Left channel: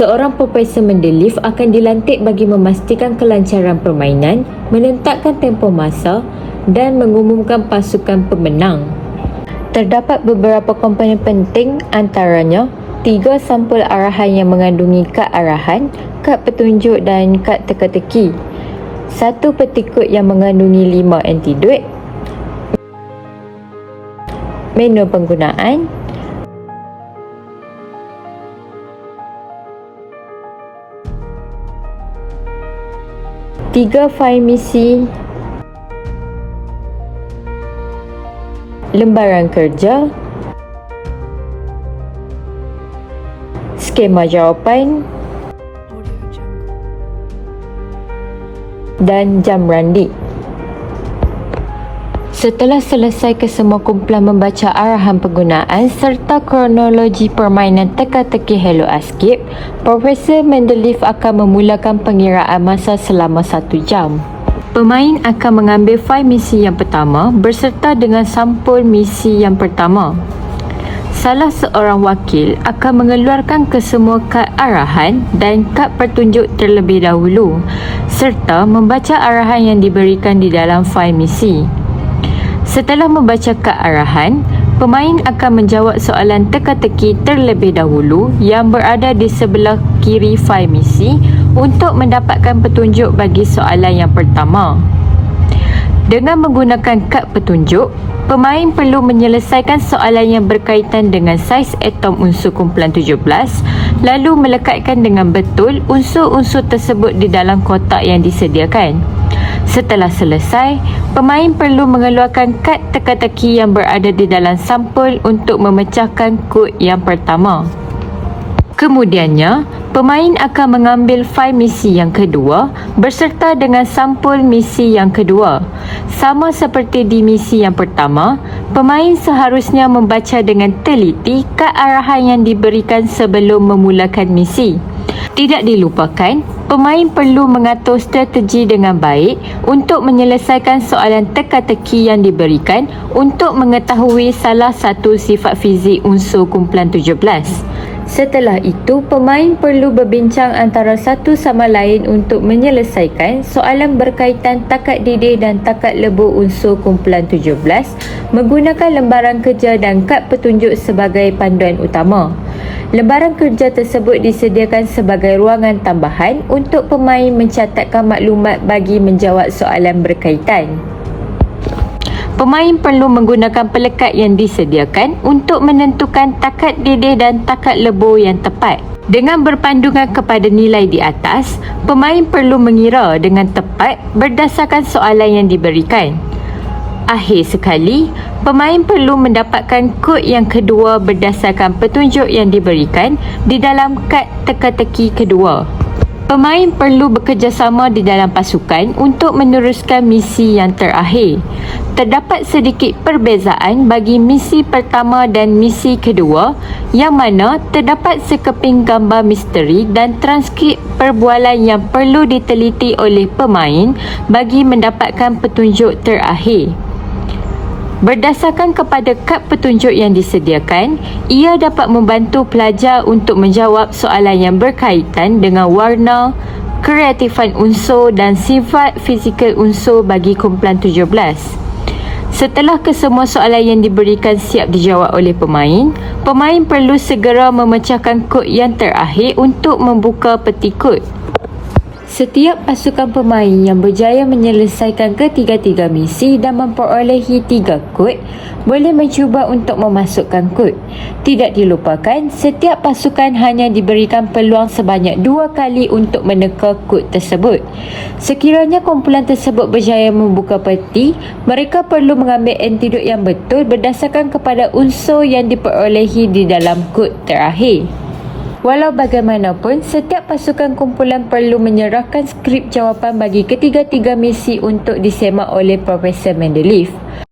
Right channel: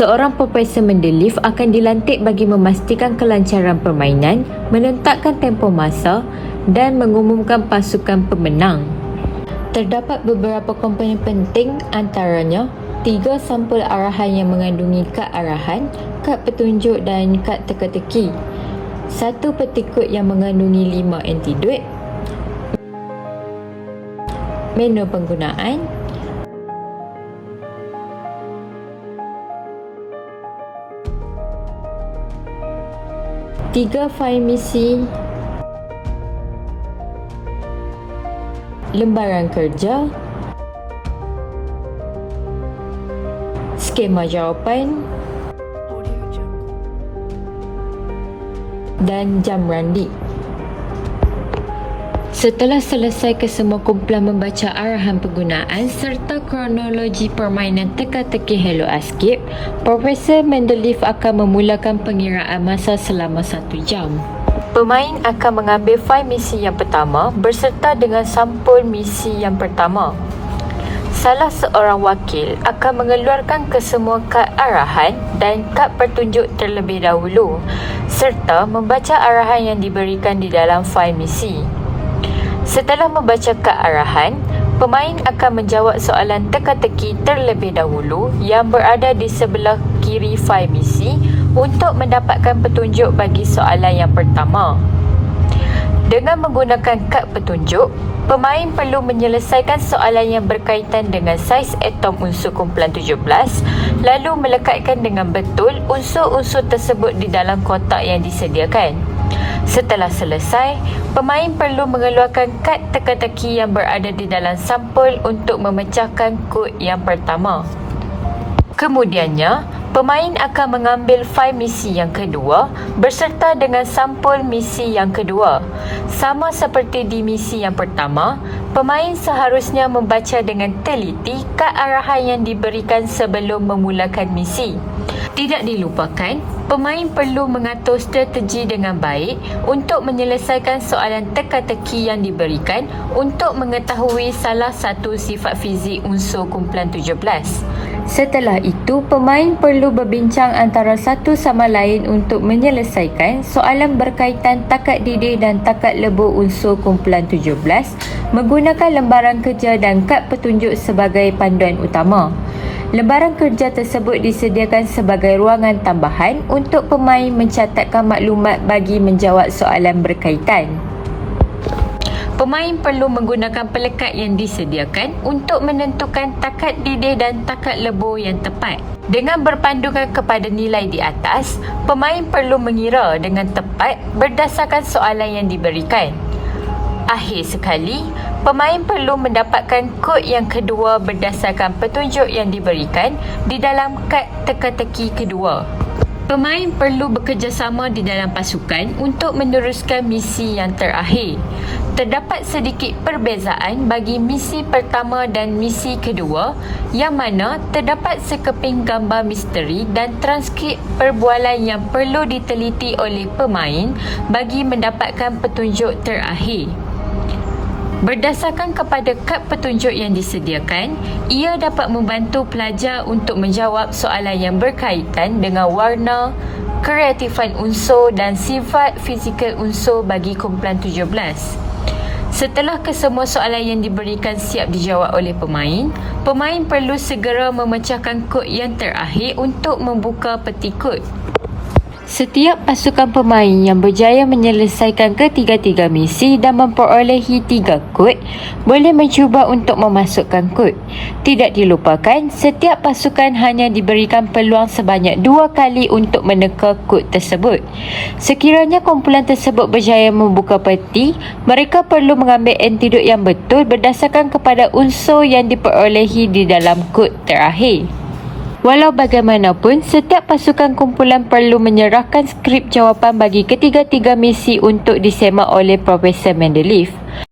Seorang Profesor Mendeleev akan dilantik bagi memastikan kelancaran permainan, menentakkan tempoh masa dan mengumumkan pasukan pemenang. Terdapat beberapa komponen penting, antaranya 3 sampul arahan yang mengandungi kad arahan, kad petunjuk dan kad teka-teki, 1 petikut yang mengandungi 5 antidot, menu penggunaan, tiga fail misi, lembaran kerja, skema jawapan dan jam randi. Setelah selesai kesemua kumpulan membaca arahan penggunaan serta kronologi permainan teka-teki Hello Escape, Profesor Mendeleev akan memulakan pengiraan masa selama 1 jam. Pemain akan mengambil fail misi yang pertama berserta dengan sampul misi yang pertama. Salah seorang wakil akan mengeluarkan kesemua kad arahan dan kad petunjuk terlebih dahulu serta membaca arahan yang diberikan di dalam fail misi. Setelah membaca kad arahan, pemain akan menjawab soalan teka-teki terlebih dahulu yang berada di sebelah kiri fail misi untuk mendapatkan petunjuk bagi soalan yang pertama. Dengan menggunakan kad petunjuk, pemain perlu menyelesaikan soalan yang berkaitan dengan saiz atom unsur kumpulan 17, lalu melekatkan dengan betul unsur-unsur tersebut di dalam kotak yang disediakan. Setelah selesai, pemain perlu mengeluarkan kad teka-teki yang berada di dalam sampul untuk memecahkan kod yang pertama. Kemudiannya, pemain akan mengambil fail misi yang kedua berserta dengan sampul misi yang kedua. Sama seperti di misi yang pertama, pemain seharusnya membaca dengan teliti kad arahan yang diberikan sebelum memulakan misi. Tidak dilupakan, pemain perlu mengatur strategi dengan baik untuk menyelesaikan soalan teka-teki yang diberikan untuk mengetahui salah satu sifat fizik unsur kumpulan 17. Setelah itu, pemain perlu berbincang antara satu sama lain untuk menyelesaikan soalan berkaitan takat didih dan takat lebur unsur kumpulan 17 menggunakan lembaran kerja dan kad petunjuk sebagai panduan utama. Lembaran kerja tersebut disediakan sebagai ruangan tambahan untuk pemain mencatatkan maklumat bagi menjawab soalan berkaitan. Pemain perlu menggunakan pelekat yang disediakan untuk menentukan takat didih dan takat lebur yang tepat. Dengan berpandukan kepada nilai di atas, pemain perlu mengira dengan tepat berdasarkan soalan yang diberikan. Akhir sekali, pemain perlu mendapatkan kod yang kedua berdasarkan petunjuk yang diberikan di dalam kad teka-teki kedua. Pemain perlu bekerjasama di dalam pasukan untuk meneruskan misi yang terakhir. Terdapat sedikit perbezaan bagi misi pertama dan misi kedua, yang mana terdapat sekeping gambar misteri dan transkrip perbualan yang perlu diteliti oleh pemain bagi mendapatkan petunjuk terakhir. Berdasarkan kepada kad petunjuk yang disediakan, ia dapat membantu pelajar untuk menjawab soalan yang berkaitan dengan warna, kreatifan unsur dan sifat fizikal unsur bagi kumpulan 17. Setelah kesemua soalan yang diberikan siap dijawab oleh pemain, pemain perlu segera memecahkan kod yang terakhir untuk membuka peti kod. Setiap pasukan pemain yang berjaya menyelesaikan ketiga-tiga misi dan memperolehi 3 kod boleh mencuba untuk memasukkan kod. Tidak dilupakan, setiap pasukan hanya diberikan peluang sebanyak 2 kali untuk meneka kod tersebut. Sekiranya kumpulan tersebut berjaya membuka peti, mereka perlu mengambil antidot yang betul berdasarkan kepada unsur yang diperolehi di dalam kod terakhir. Walau bagaimanapun, setiap pasukan kumpulan perlu menyerahkan skrip jawapan bagi ketiga-tiga misi untuk disemak oleh Profesor Mendeleev.